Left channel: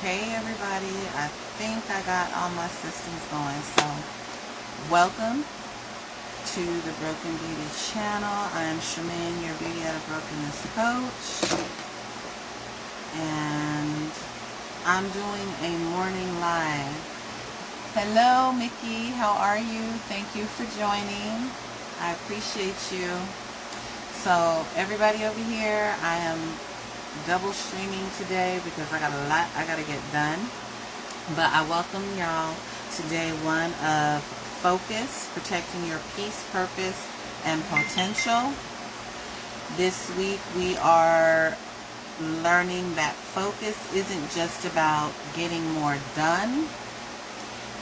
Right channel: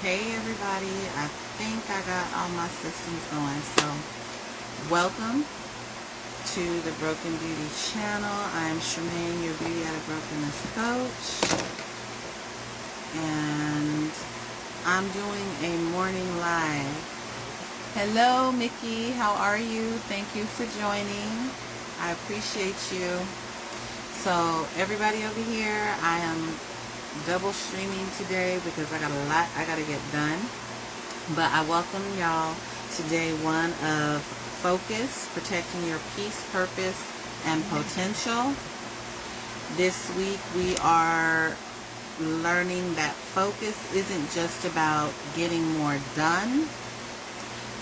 Hey everybody, I think I got all my systems going. So welcome to the Broken Beauty channel. I am Sharmine, your Beauty Out of Brokenness coach. And I'm doing a morning live. Hello Mickey, how are you? Thank you for joining. I appreciate you. So everybody over here, I am double streaming today because I got a lot I gotta get done. But I welcome y'all to day one of Focus, Protecting Your Peace, Purpose, and Potential. This week we are learning that focus isn't just about getting more done.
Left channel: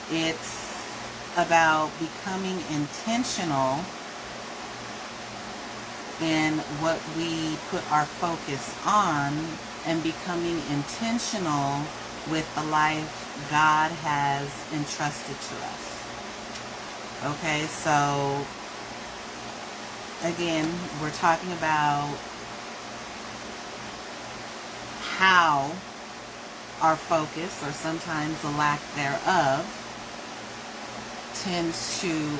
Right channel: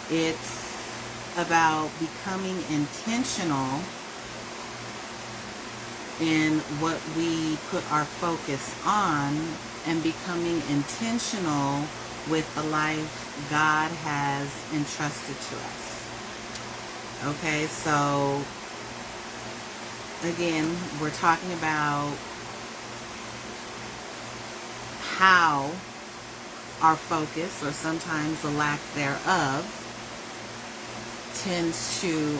It's about becoming intentional in what we put our focus on and becoming intentional with the life God has entrusted to us. Okay, so again, we're talking about how our focus, or sometimes the lack thereof, tends to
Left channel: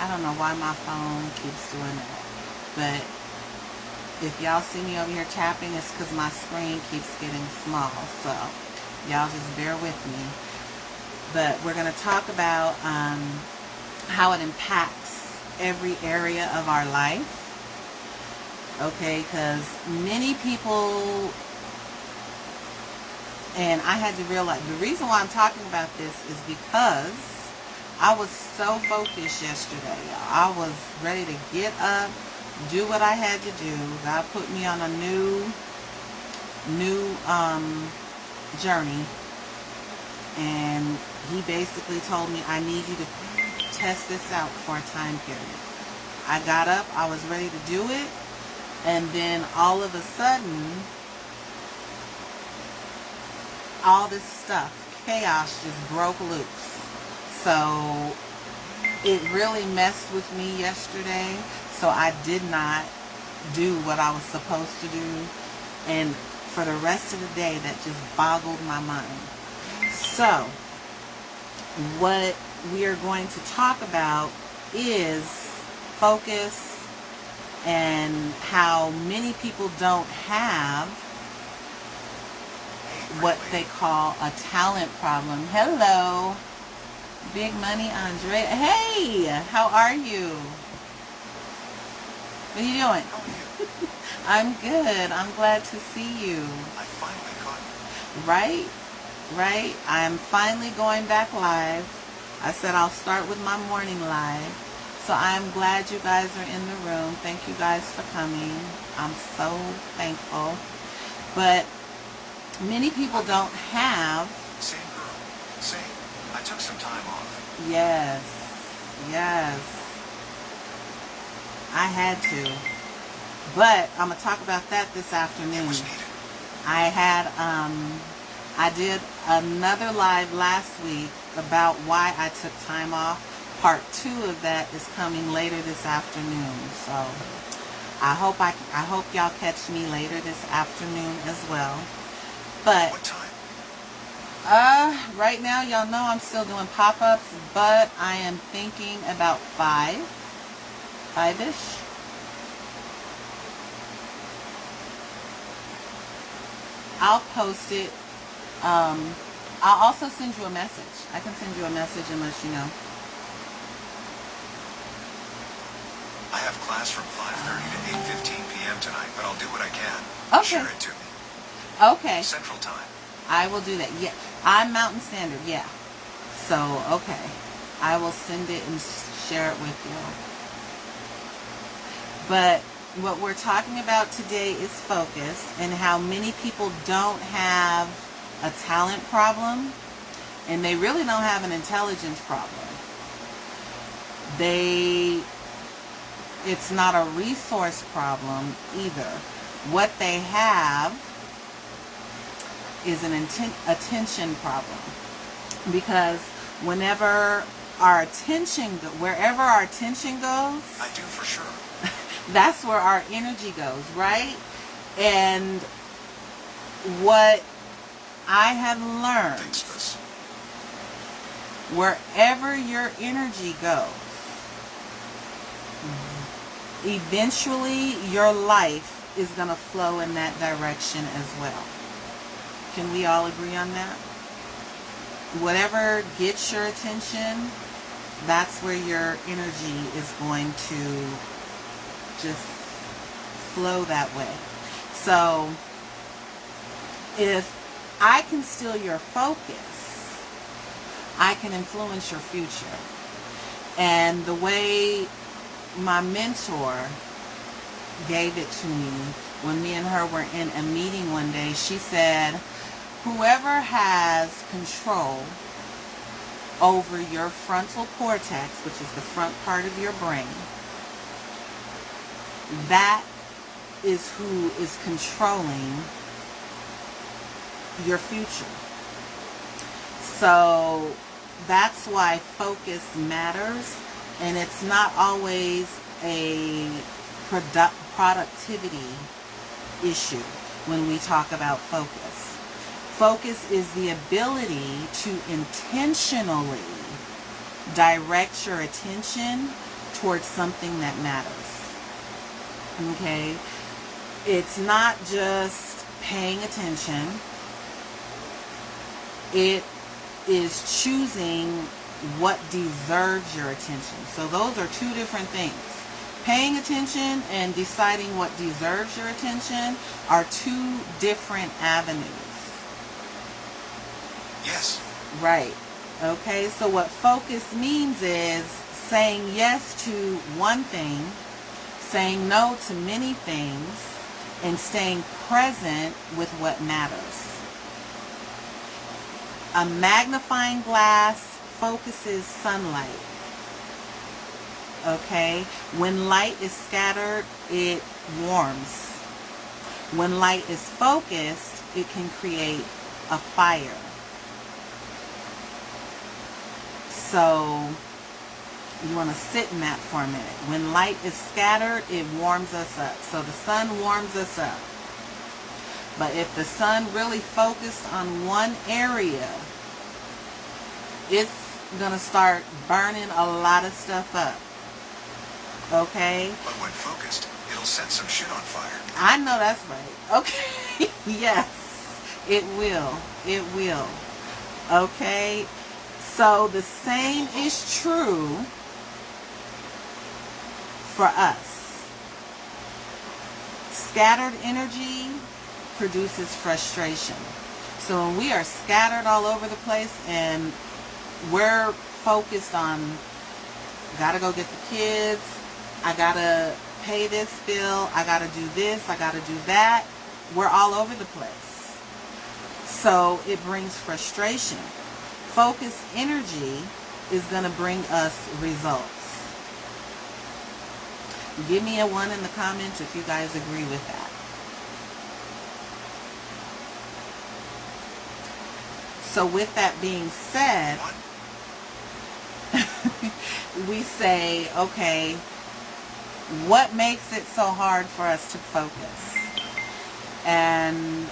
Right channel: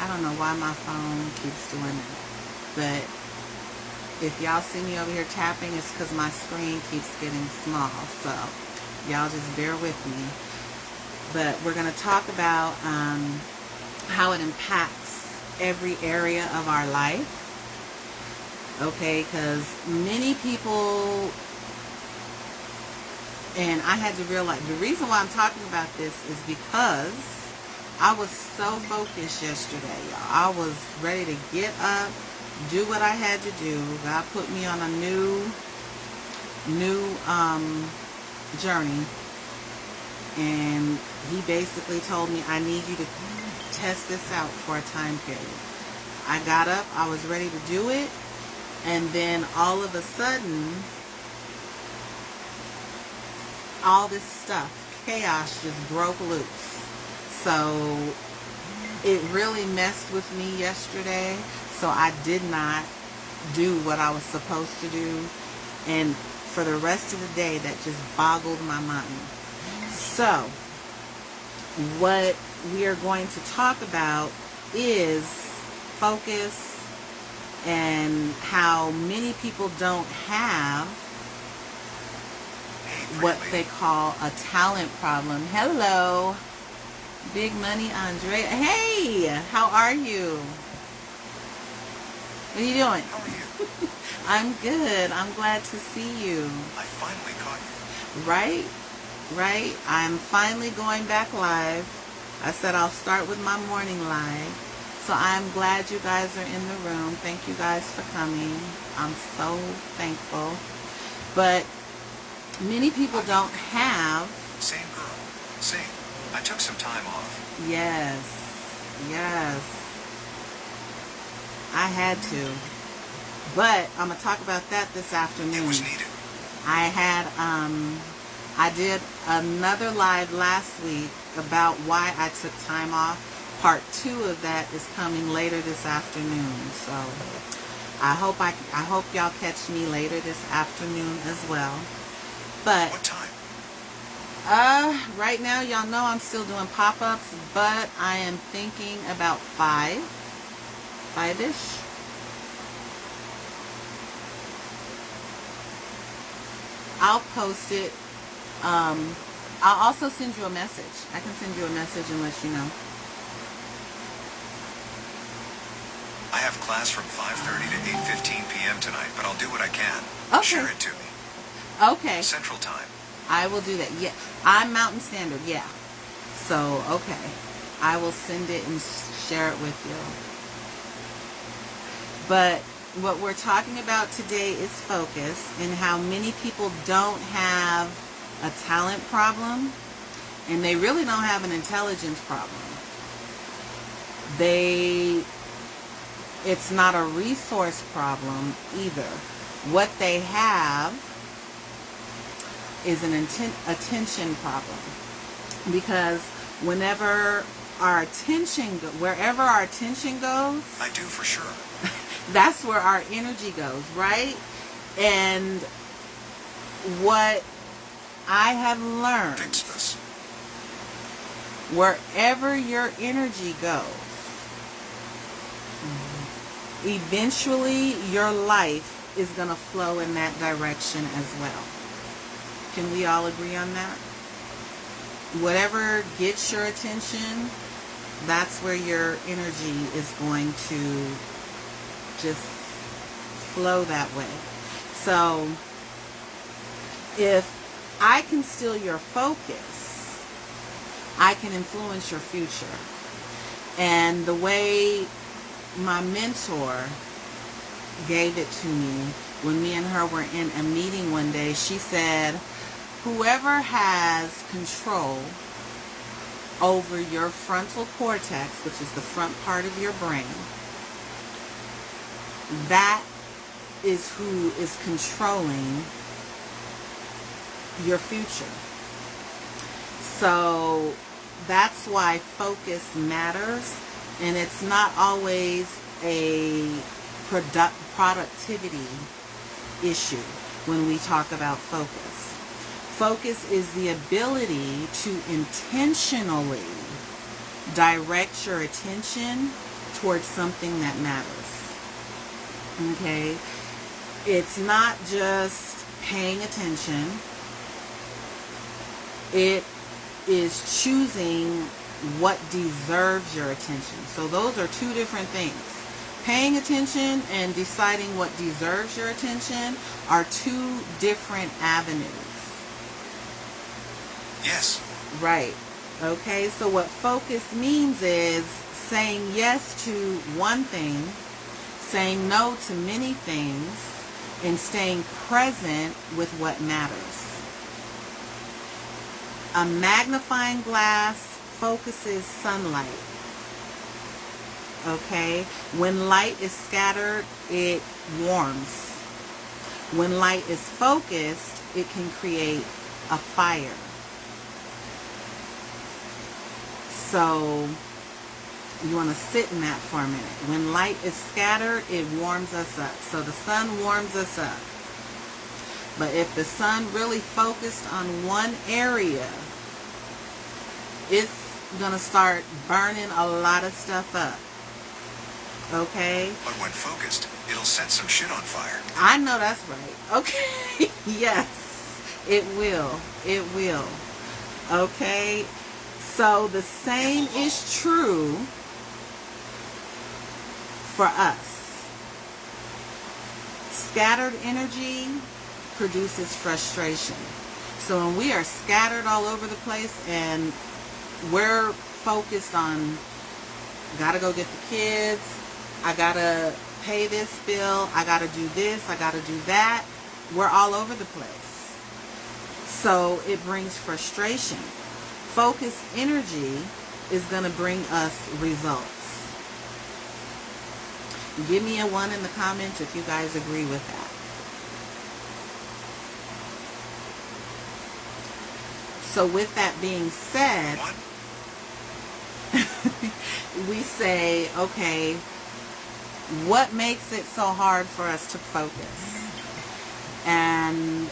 I don't know why my phone keeps doing that, but if y'all see me over here tapping, it's because my screen keeps getting small, so y'all just bear with me. But we're going to talk about how it impacts every area of our life, okay, because many people, and I had to realize, the reason why I'm talking about this is because I was so focused yesterday, y'all. I was ready to get up, do what I had to do. God put me on a new journey, and He basically told me, I need you to test this out for a time period. I got up, I was ready to do it, and then all of a sudden, all this stuff, chaos, just broke loose. So it really messed with me yesterday. So I did not do what I was supposed to do. And for the rest of the day, that just boggled my mind. So what we are going to talk about is focus and how many people don't have what they call a talent problem. Hello. Big Money Andrea. Hey, how are you? What are you doing? I'm good. I'm glad to see you. I finally caught you. Right. I'm finally going back live. I said I'll start with my morning live. So I'm glad you guys are in the room. Thank you guys for coming. I'm so thankful. But many people don't have... Same girl. Same. I took some time off. Yes. I had to. But I'm going to talk about that this afternoon. It was needed. I did another live last week about why I took time off. Part 2 of that is coming later this afternoon. So I hope y'all catch me later this afternoon as well. But What time? right now, y'all know I'm still doing pop-ups, but I am thinking about 5-ish. I'll post it. I'll also send you a message. I can send you a message and let you know. I have class from 5:30 to 8:15 p.m. tonight, but I'll do what I can. Okay. Share it to me. Okay. Central Time. I will do that. Yeah, I'm Mountain Standard. Yeah. So, okay. I will send it and share it with you. But what we're talking about today is focus and how many people don't have a talent problem, and they really don't have an intelligence problem. It's not a resource problem either. What they have is an attention problem, because wherever our attention goes, I do for sure. that's where our energy goes, right? And what I have learned, Fix this. wherever your energy goes, eventually your life is going to flow in that direction as well. Can we all agree on that? Whatever gets your attention, that's where your energy is going to just flow that way. So if I can steal your focus, I can influence your future. And the way my mentor gave it to me, when me and her were in a meeting one day, she said, whoever has control over your frontal cortex, which is the front part of your brain, that is who is controlling your future. So that's why focus matters, and it's not always a productivity issue when we talk about focus. Focus is the ability to intentionally direct your attention towards something that matters. Okay? It's not just paying attention. It is choosing what deserves your attention. So those are two different things. Paying attention and deciding what deserves your attention are two different avenues. Yes. Right. Okay, so what focus means is saying yes to one thing, saying no to many things, and staying present with what matters. A magnifying glass focuses sunlight. Okay? When light is scattered, it warms. When light is focused, it can create a fire. So you want to sit in that for a minute. When light is scattered, it warms us up. So the sun warms us up. But if the sun really focused on one area, it's going to start burning a lot of stuff up. Okay? But when focused, it'll set some shit on fire. I know that's right. Okay? Yes, it will. It will. Okay? So the same is true for us. Scattered energy produces frustration. So when we are scattered all over the place and we're focused on, gotta go get the kids, I gotta pay this bill, I gotta do this, I gotta do that, we're all over the place. So it brings frustration. Focused energy is going to bring us results. Give me a 1 in the comments if you guys agree with that. So with that being said, we say, okay, what makes it so hard for us to focus? And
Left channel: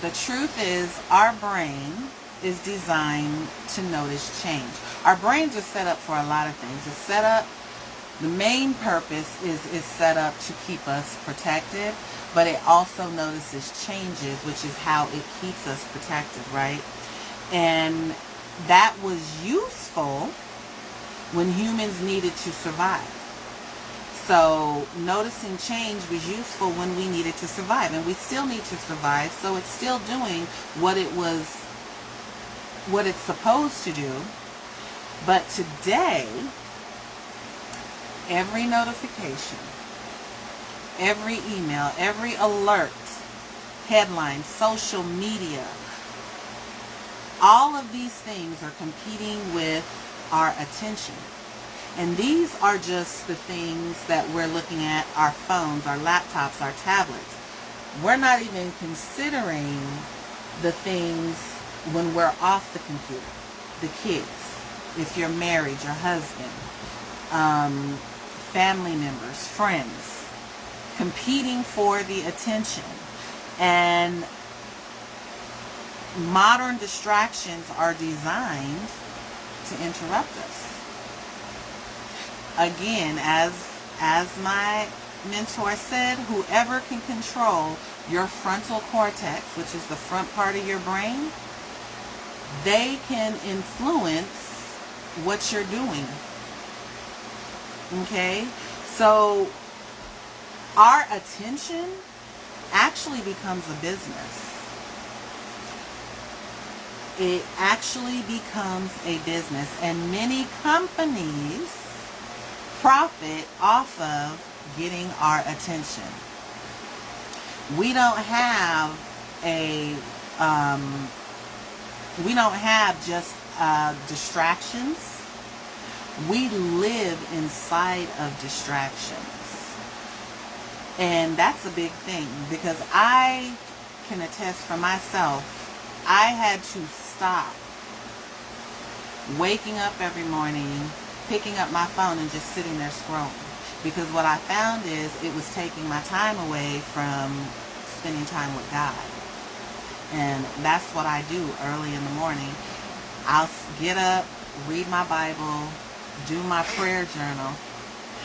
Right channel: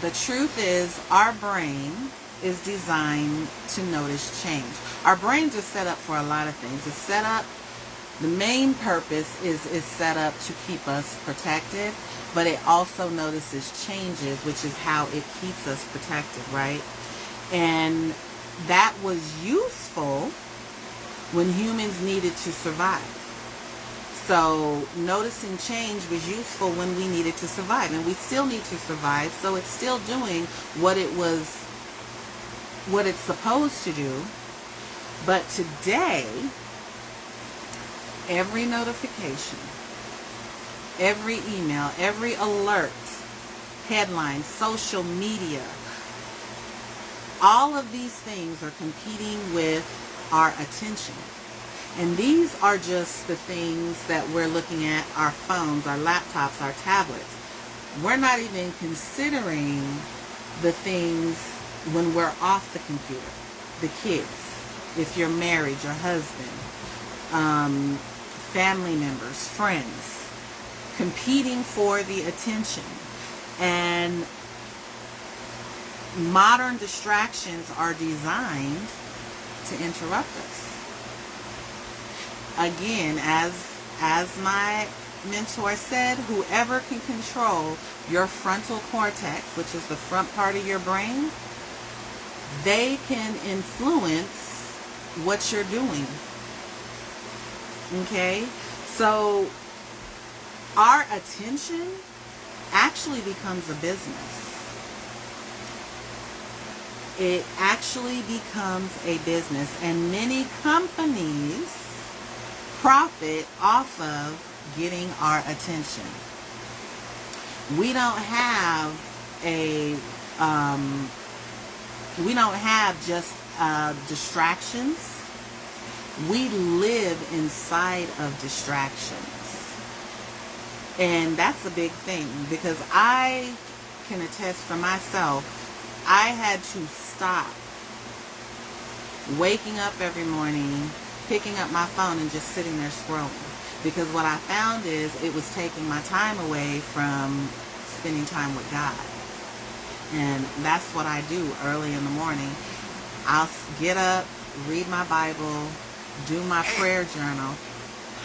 the truth is, our brain is designed to notice change. Our brains are set up for a lot of things. It's set up, the main purpose is set up to keep us protected, but it also notices changes, which is how it keeps us protected, right? And that was useful when humans needed to survive. So noticing change was useful when we needed to survive, and we still need to survive, so it's still doing what it's supposed to do. But today, every notification, every email, every alert, headline, social media, all of these things are competing with our attention. And these are just the things that we're looking at, our phones, our laptops, our tablets. We're not even considering the things when we're off the computer. The kids, if you're married, your husband, family members, friends, competing for the attention. And modern distractions are designed to interrupt us. Again, as my mentor said, whoever can control your frontal cortex, which is the front part of your brain, they can influence what you're doing. Okay? So our attention actually becomes a business. It actually becomes a business, and many companies profit off of getting our attention. We don't have just distractions. We live inside of distractions. And that's a big thing, because I can attest for myself, I had to stop waking up every morning, picking up my phone and just sitting there scrolling. Because what I found is it was taking my time away from spending time with God. And that's what I do early in the morning. I'll get up, read my Bible, do my prayer journal.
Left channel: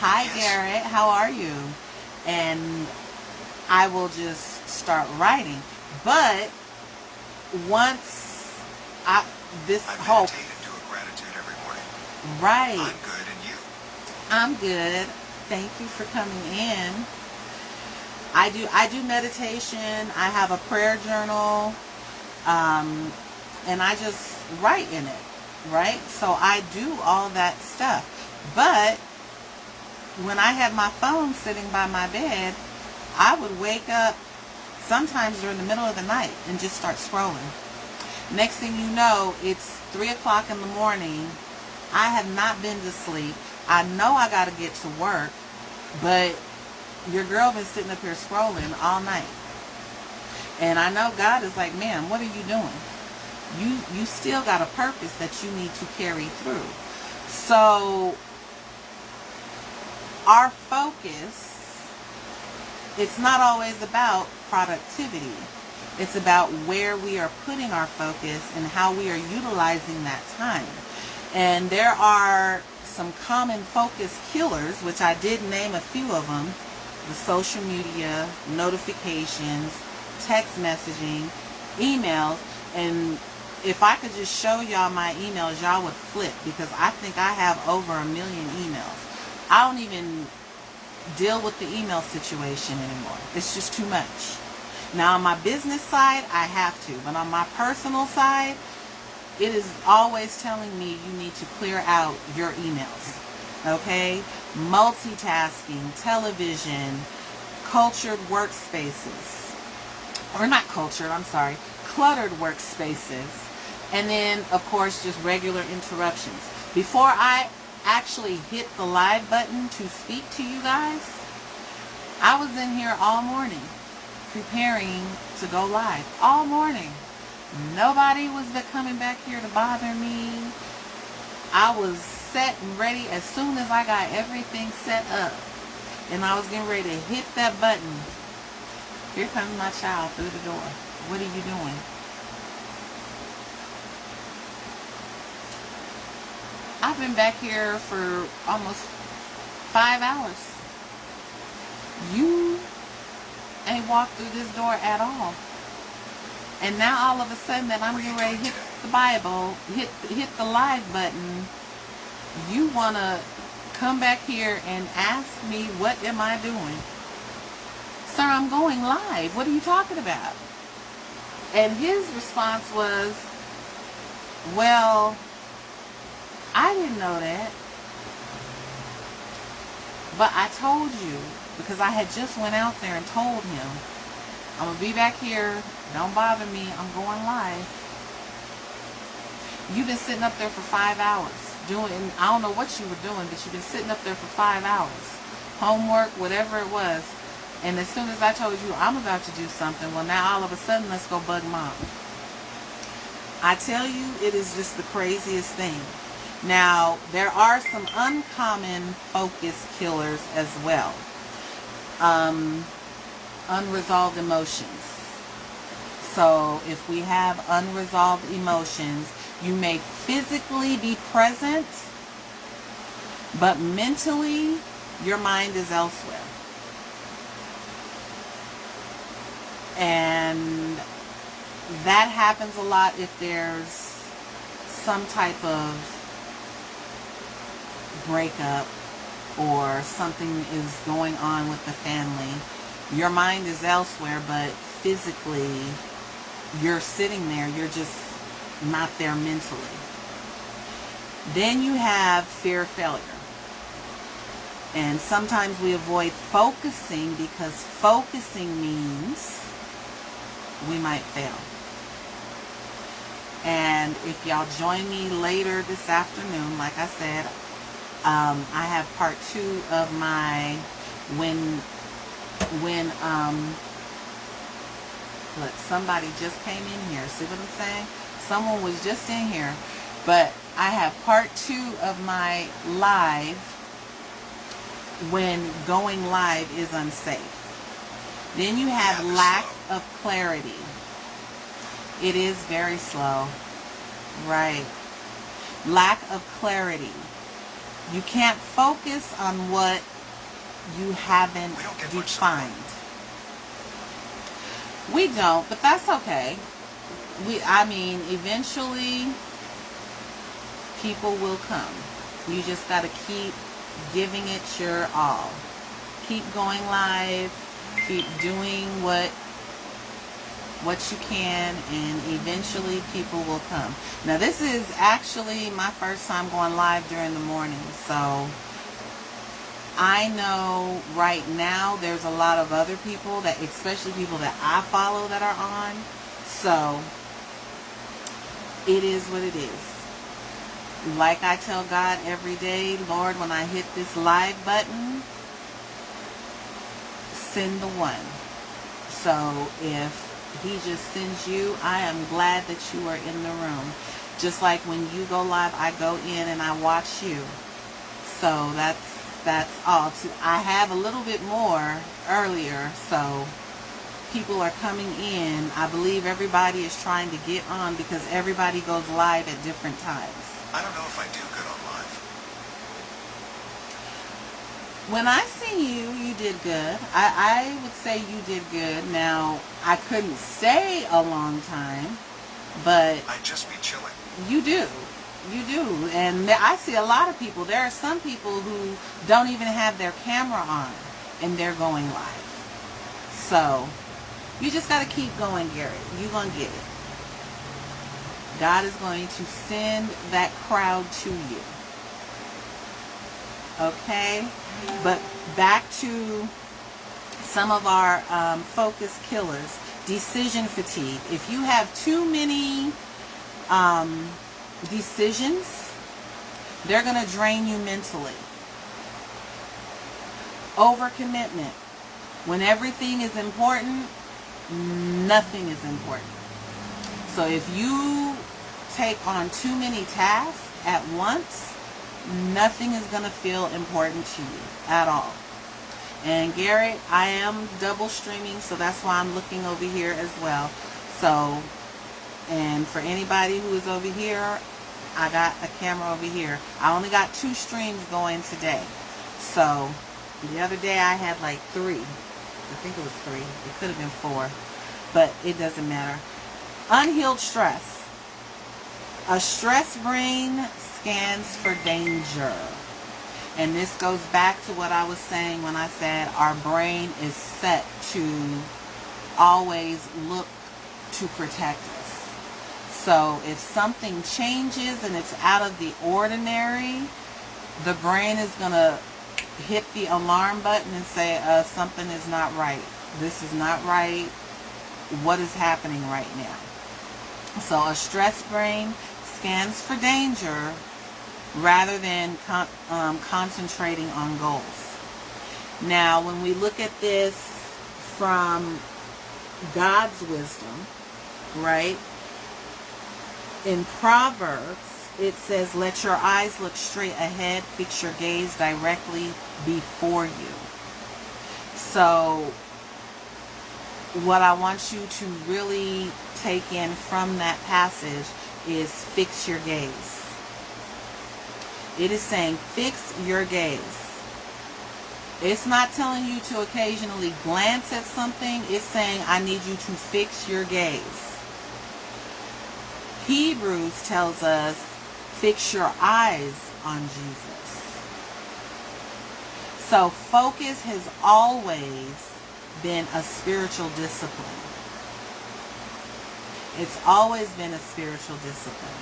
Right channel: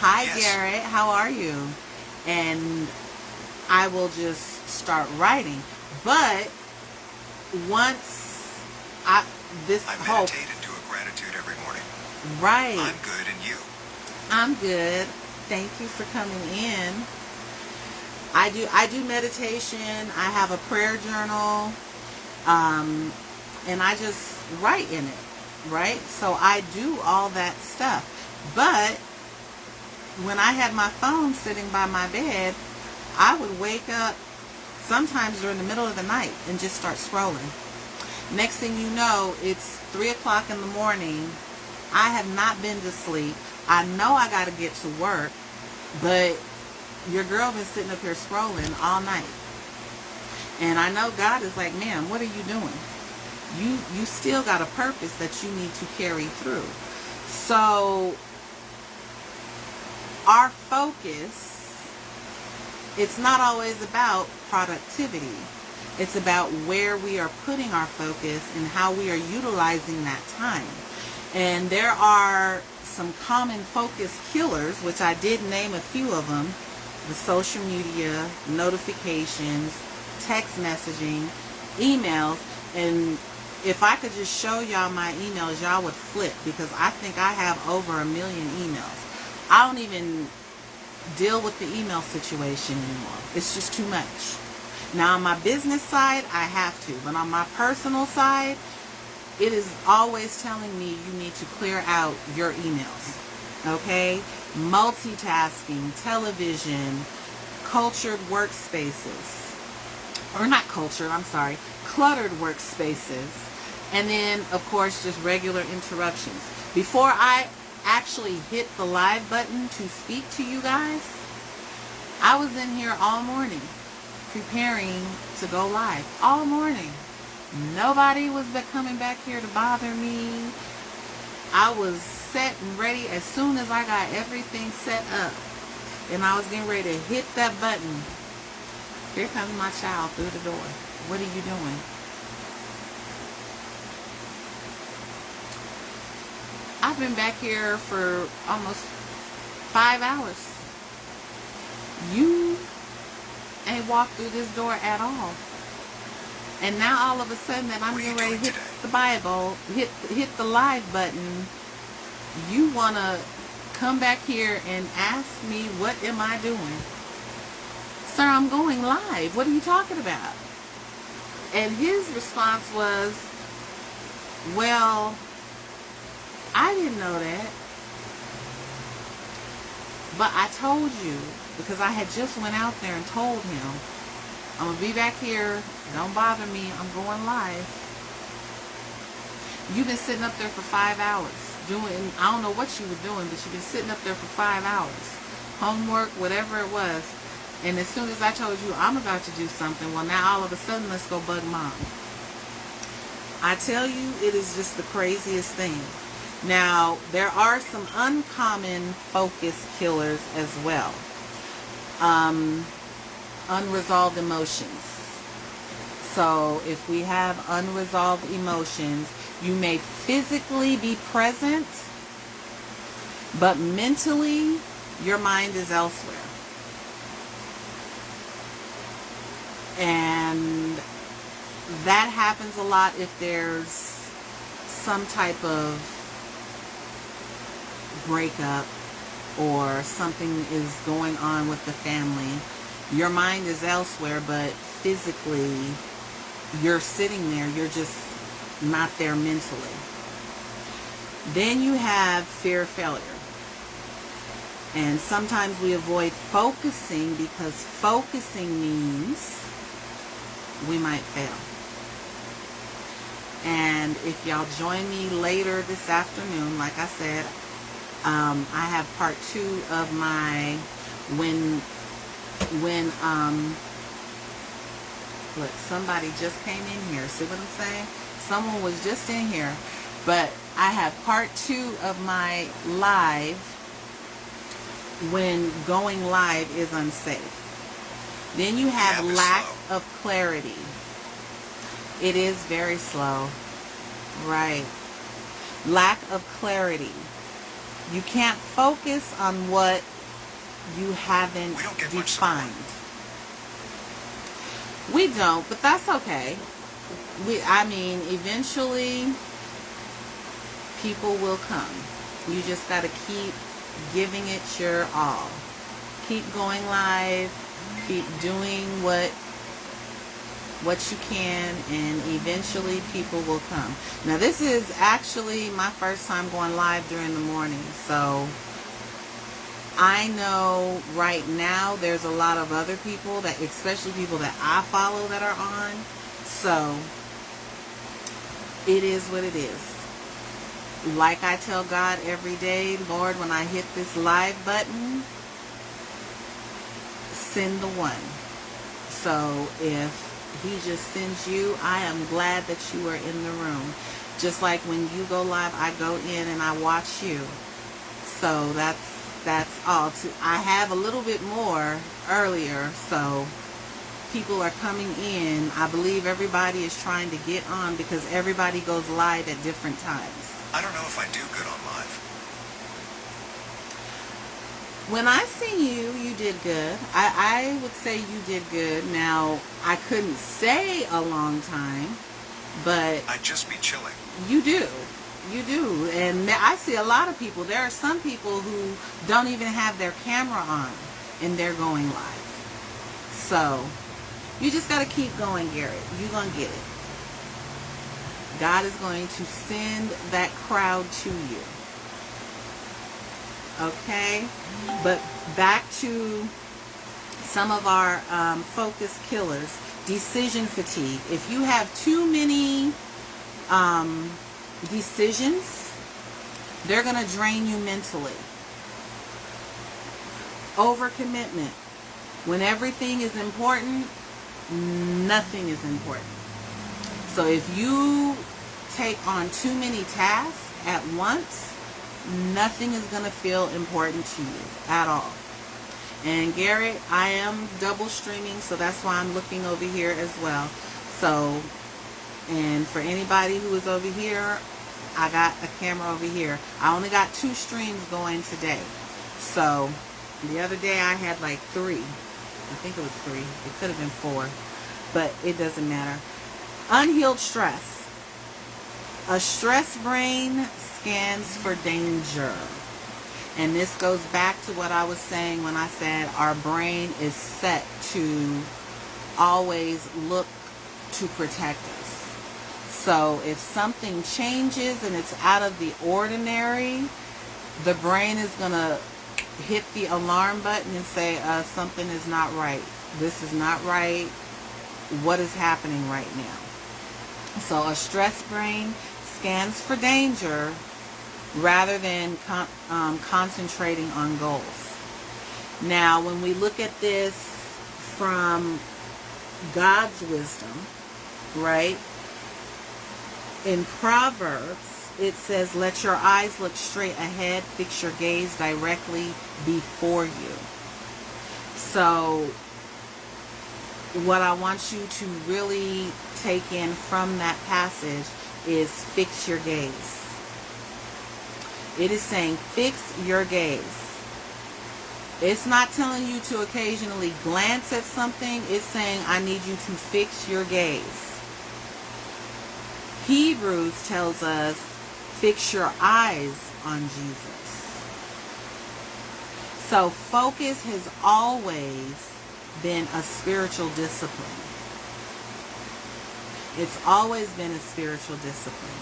Hi, yes. Garrett, how are you? And I will just start writing. But once I meditate and do a gratitude every morning. Right. I'm good, and you? I'm good. Thank you for coming in. I do meditation. I have a prayer journal, and I just write in it, right? So I do all that stuff. But when I had my phone sitting by my bed, I would wake up sometimes during the middle of the night and just start scrolling. Next thing you know, it's 3 o'clock in the morning. I have not been to sleep. I know I got to get to work, but your girl been sitting up here scrolling all night. And I know God is like, man, what are you doing? You still got a purpose that you need to carry through. So our focus, it's not always about productivity. It's about where we are putting our focus and how we are utilizing that time. And there are some common focus killers, which I did name a few of them: the social media, notifications, text messaging, emails. And if I could just show y'all my emails, y'all would flip, because I think I have over 1 million emails. I don't even deal with the email situation anymore. It's just too much. Now on my business side, I have to, but on my personal side, it is always telling me you need to clear out your emails. Okay? Multitasking, television, cultured workspaces. Or not cultured, I'm sorry. Cluttered workspaces. And then, of course, just regular interruptions. Before I actually hit the live button to speak to you guys, I was in here all morning preparing to go live. All morning. Nobody was coming back here to bother me. I was set and ready as soon as I got everything set up. And I was getting ready to hit that button. Here comes my child through the door. What are you doing? I've been back here for almost 5 hours. You ain't walked through this door at all. And now all of a sudden that I'm getting ready to hit the Bible, hit the live button, you want to come back here and ask me, what am I doing? Sir, I'm going live. What are you talking about? And his response was, well, I didn't know that. But I told you, because I had just went out there and told him, I'm going to be back here. Don't bother me. I'm going live. You've been sitting up there for 5 hours doing, I don't know what you were doing, but you've been sitting up there for 5 hours. Homework, whatever it was. And as soon as I told you I'm about to do something, well, now all of a sudden, let's go bug mom. I tell you, it is just the craziest thing. Now, there are some uncommon focus killers as well. Unresolved emotions. So if we have unresolved emotions, you may physically be present, but mentally, your mind is elsewhere. And that happens a lot if there's some type of breakup or something is going on with the family. Your mind is elsewhere, but physically, you're sitting there. You're just not there mentally. Then you have fear of failure. And sometimes we avoid focusing because focusing means we might fail. And if y'all join me later this afternoon, like I said, I have part 2 of my look, somebody just came in here. See what I'm saying? Someone was just in here. But I have part 2 of my live when going live is unsafe. Then you have lack of clarity. It is very slow. Right. Lack of clarity. You can't focus on what you haven't defined. We don't, but that's okay. Eventually people will come. You just got to keep giving it your all. Keep going live. Keep doing what you can, and eventually people will come. Now, this is actually my first time going live during the morning, so I know right now there's a lot of other people, that, especially people that I follow, that are on. So it is what it is. Like I tell God every day, Lord, when I hit this live button, send the one. So if He just sends you, I am glad that you are in the room. Just like when you go live, I go in and I watch you. So that's all. I have a little bit more earlier, so people are coming in. I believe everybody is trying to get on because everybody goes live at different times. I don't know if I do good on live. When I seen you, you did good. I would say you did good. Now, I couldn't stay a long time, but I'd just be chilling. You do. You do. And I see a lot of people. There are some people who don't even have their camera on, and they're going live. So, you just got to keep going, Garrett. You're going to get it. God is going to send that crowd to you. Okay? But back to some of our focus killers. Decision fatigue. If you have too many decisions, they're going to drain you mentally. Overcommitment. When everything is important, nothing is important. So if you take on too many tasks at once, nothing is going to feel important to you at all. And Garrett, I am double streaming, so that's why I'm looking over here as well. So, and for anybody who is over here, I got a camera over here. I only got 2 streams going today. So, the other day I had like 3. I think it was 3. It could have been 4. But it doesn't matter. Unhealed stress. A stress brain scans for danger. And this goes back to what I was saying when I said our brain is set to always look to protect us. So if something changes and it's out of the ordinary, the brain is going to hit the alarm button and say, something is not right. This is not right. What is happening right now? So a stress brain scans for danger rather than concentrating on goals. Now, when we look at this from God's wisdom, right? In Proverbs, it says, let your eyes look straight ahead, fix your gaze directly before you. So, what I want you to really take in from that passage is fix your gaze. It is saying fix your gaze. It's not telling you to occasionally glance at something. It's saying I need you to fix your gaze. Hebrews tells us fix your eyes on Jesus. So focus has always been a spiritual discipline. It's always been a spiritual discipline.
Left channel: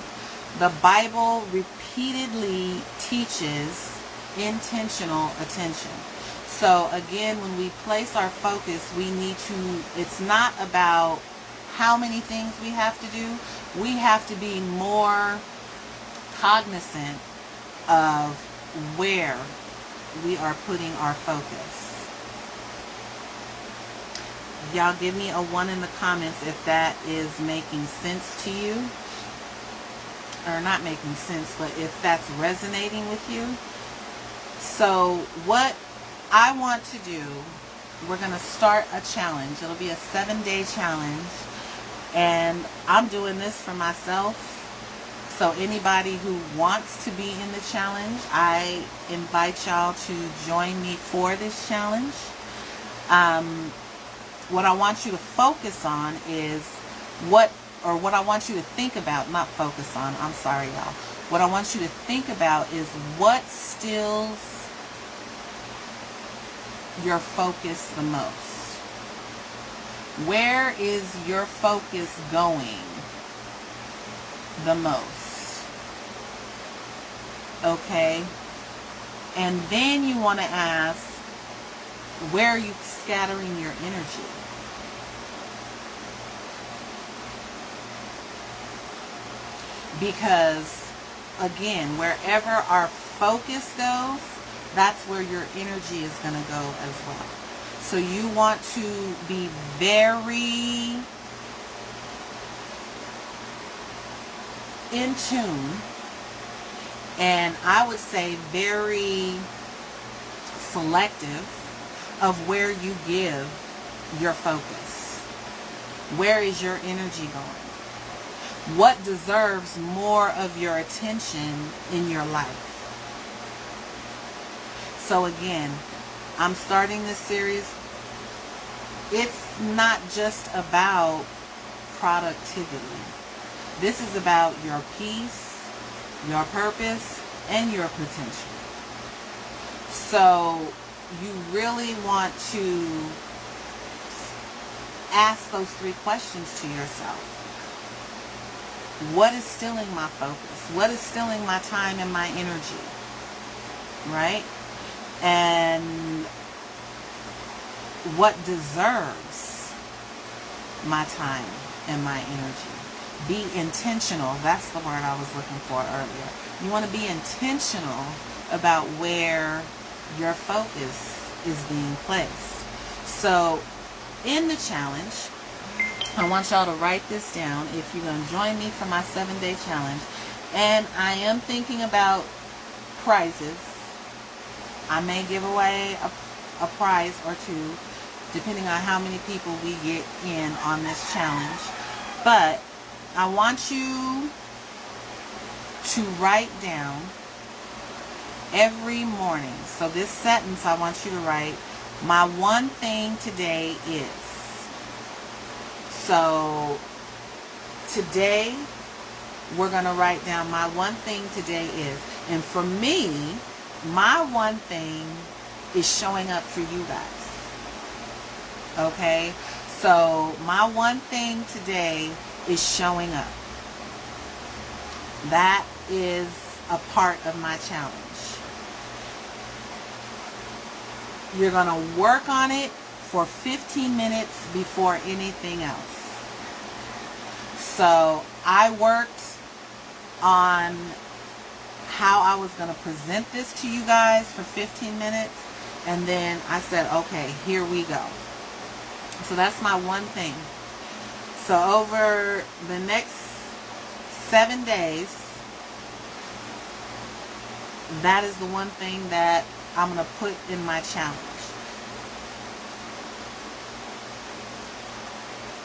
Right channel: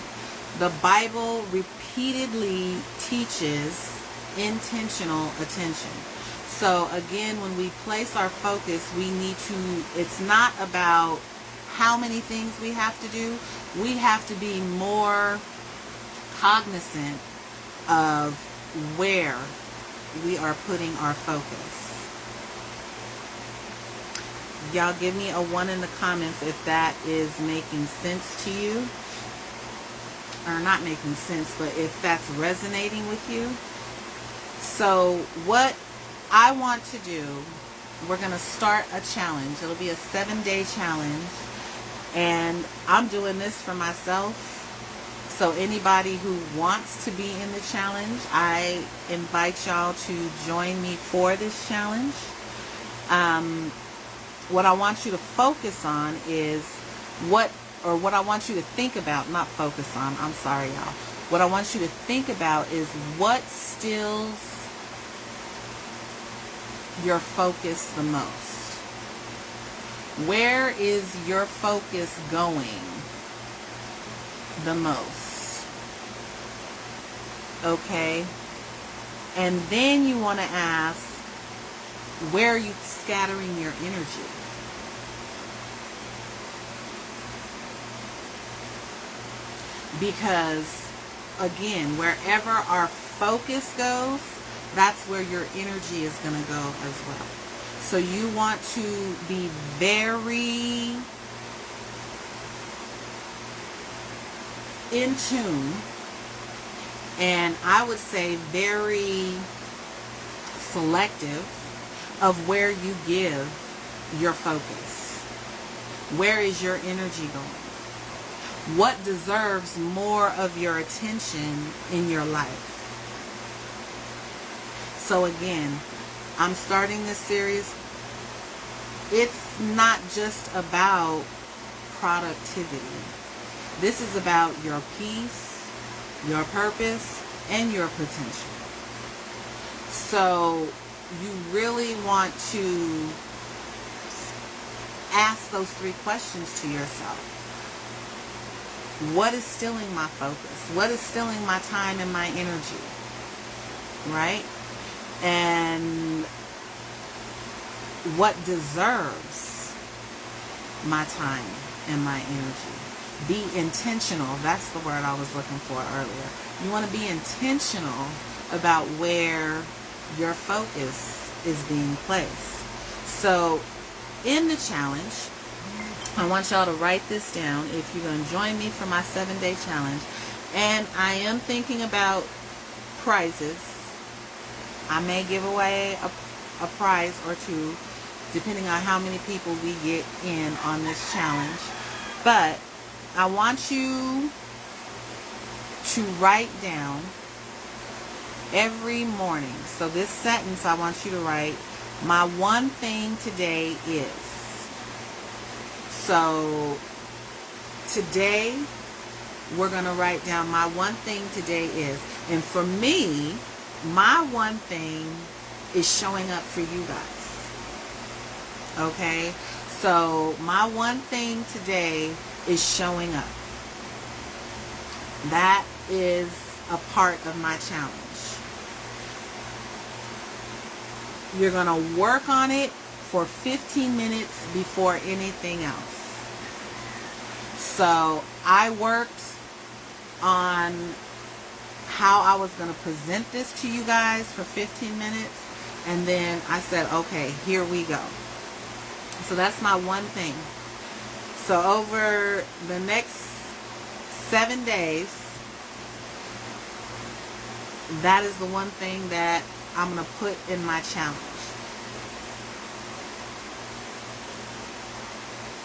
The Bible repeatedly teaches intentional attention. So again, when we place our focus, we need to, it's not about how many things we have to do. We have to be more cognizant of where we are putting our focus. Y'all give me a 1 in the comments if that is making sense to you. Or not making sense, but if that's resonating with you. So what I want to do, we're going to start a challenge. It'll be a 7-day challenge. And I'm doing this for myself. So anybody who wants to be in the challenge, I invite y'all to join me for this challenge. What I want you to focus on is what I want you to think about, not focus on, I'm sorry y'all. What I want you to think about is what stills your focus the most. Where is your focus going the most? Okay? And then you want to ask, where are you scattering your energy? Because, again, wherever our focus goes, that's where your energy is going to go as well. So you want to be very in tune, and I would say very selective of where you give your focus. Where is your energy going? What deserves more of your attention in your life? So again, I'm starting this series. It's not just about productivity. This is about your peace, your purpose, and your potential. So you really want to ask those 3 questions to yourself. What is stealing my focus? What is stealing my time and my energy? Right? And what deserves my time and my energy? Be intentional. That's the word I was looking for earlier. You want to be intentional about where your focus is being placed. So in the challenge, I want y'all to write this down if you're going to join me for my 7-day challenge. And I am thinking about prizes. I may give away a prize or 2, depending on how many people we get in on this challenge. But I want you to write down every morning. So this sentence I want you to write, my one thing today is. So today we're going to write down my one thing today is. And for me, my one thing is showing up for you guys. Okay? So my one thing today is showing up. That is a part of my challenge. You're going to work on it for 15 minutes before anything else. So I worked on how I was going to present this to you guys for 15 minutes. And then I said, okay, here we go. So that's my one thing. So over the next 7 days, that is the one thing that I'm going to put in my challenge.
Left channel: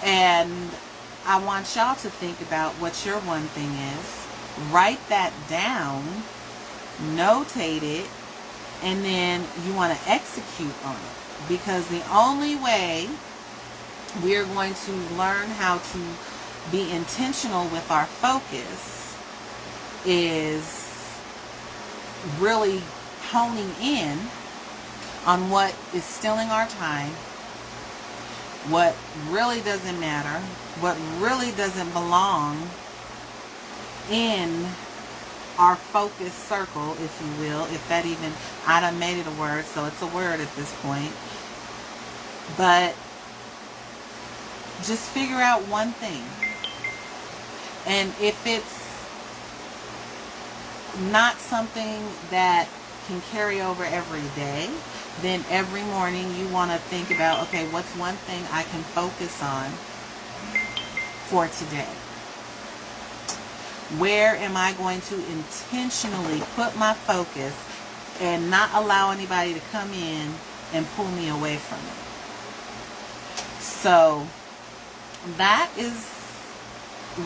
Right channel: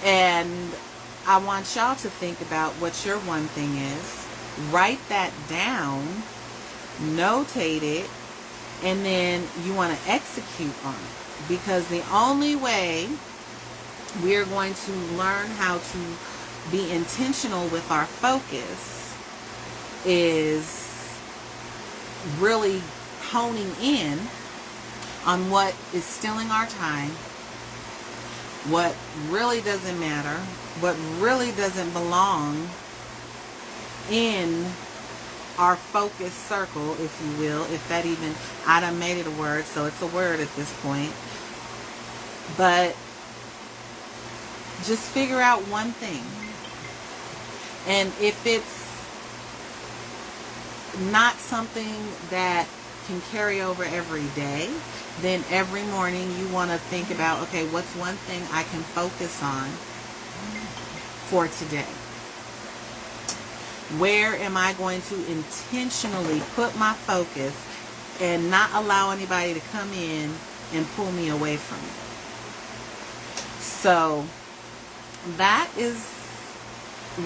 And I want y'all to think about what your one thing is. Write that down, notate it, and then you want to execute on it. Because the only way we're going to learn how to be intentional with our focus is really honing in on what is stealing our time, what really doesn't matter, what really doesn't belong in our focus circle, if you will, if that even, I done made it a word, so it's a word at this point. But just figure out one thing. And if it's not something that can carry over every day, then every morning you want to think about, okay, what's one thing I can focus on for today? Where am I going to intentionally put my focus and not allow anybody to come in and pull me away from it? So that is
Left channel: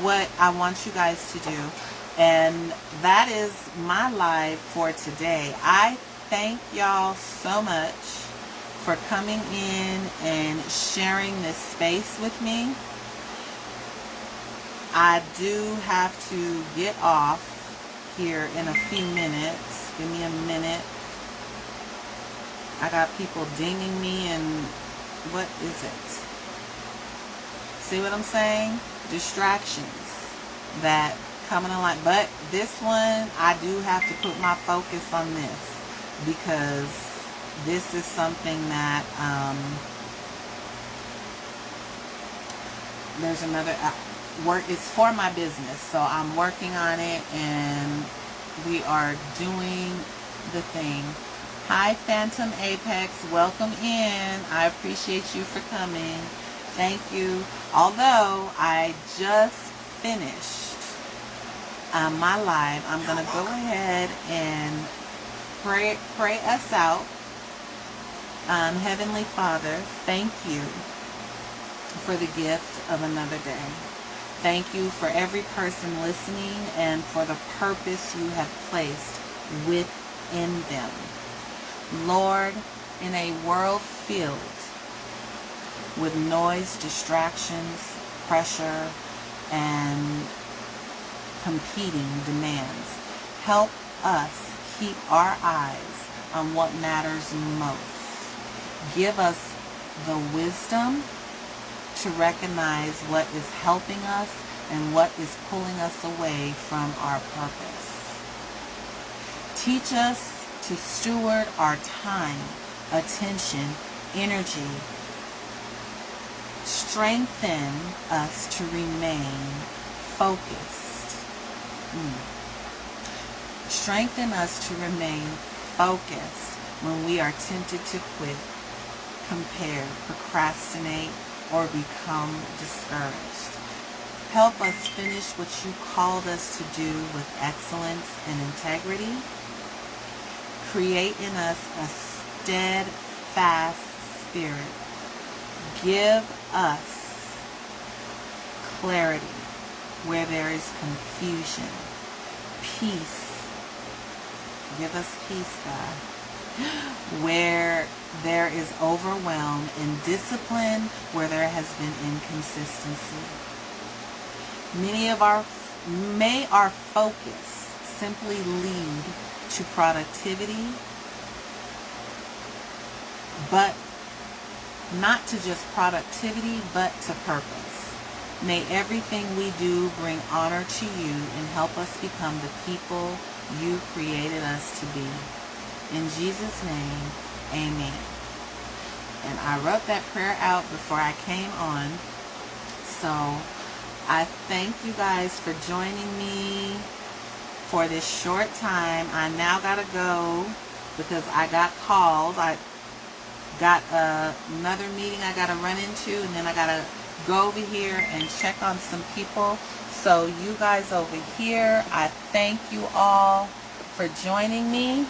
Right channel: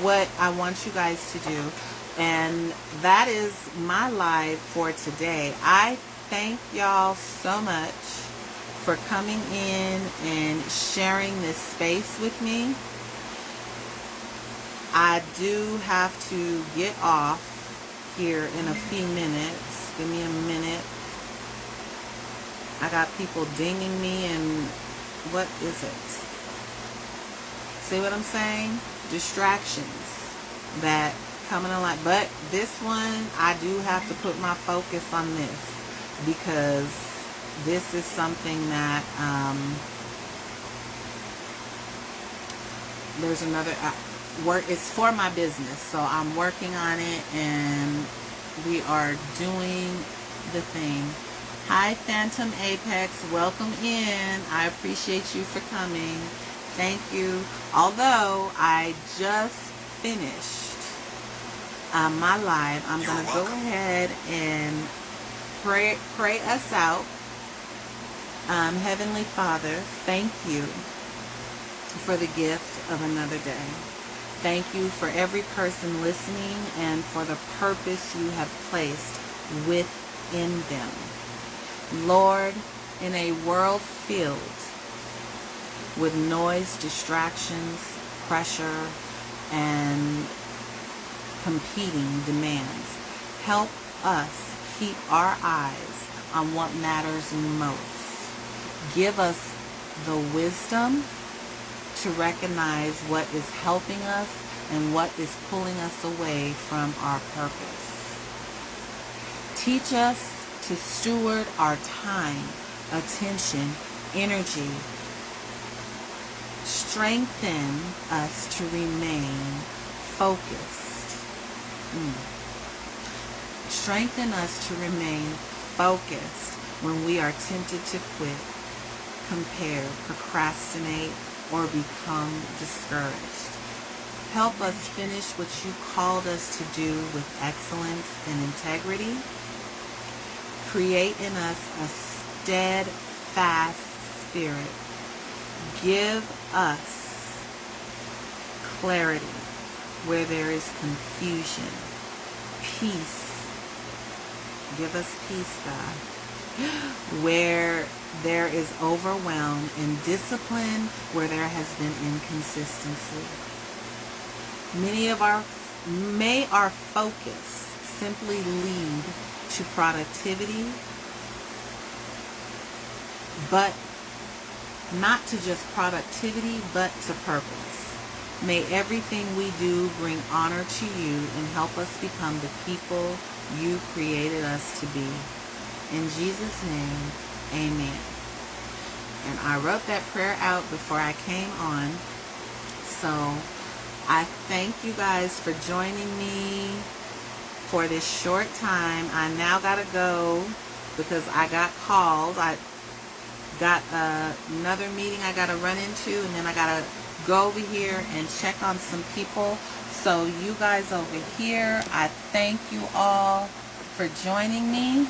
what I want you guys to do. And that is my live for today. I thank y'all so much for coming in and sharing this space with me. I do have to get off here in a few minutes. Give me a minute. I got people dinging me and what is it? See what I'm saying? Distractions that come in line. But this one, I do have to put my focus on this because this is something that there's another work. It's for my business, so I'm working on it, and we are doing the thing. Hi, Phantom Apex. Welcome in. I appreciate you for coming. Thank you. Although I just finished my live, I'm going to go ahead and pray us out. Heavenly Father, thank you for the gift of another day. Thank you for every person listening and for the purpose you have placed within them. Lord, in a world filled with noise, distractions, pressure, and competing demands, help us keep our eyes on what matters most. Give us the wisdom to recognize what is helping us and what is pulling us away from our purpose. Teach us to steward our time, attention, energy. Strengthen us to remain focused. Strengthen us to remain focused when we are tempted to quit, compare, procrastinate, or become discouraged. Help us finish what you called us to do with excellence and integrity. Create in us a steadfast spirit. Give us clarity where there is confusion. Peace. Give us peace, God. Where there is overwhelm, and discipline where there has been inconsistency. May our focus simply lead to productivity, but not to just productivity, but to purpose. May everything we do bring honor to you and help us become the people you created us to be. In Jesus' name, amen. And I wrote that prayer out before I came on. So I thank you guys for joining me for this short time. I now got to go because I got called. I got another meeting I got to run into, and then I got to go over here and check on some people. So you guys over here, I thank you all for joining me.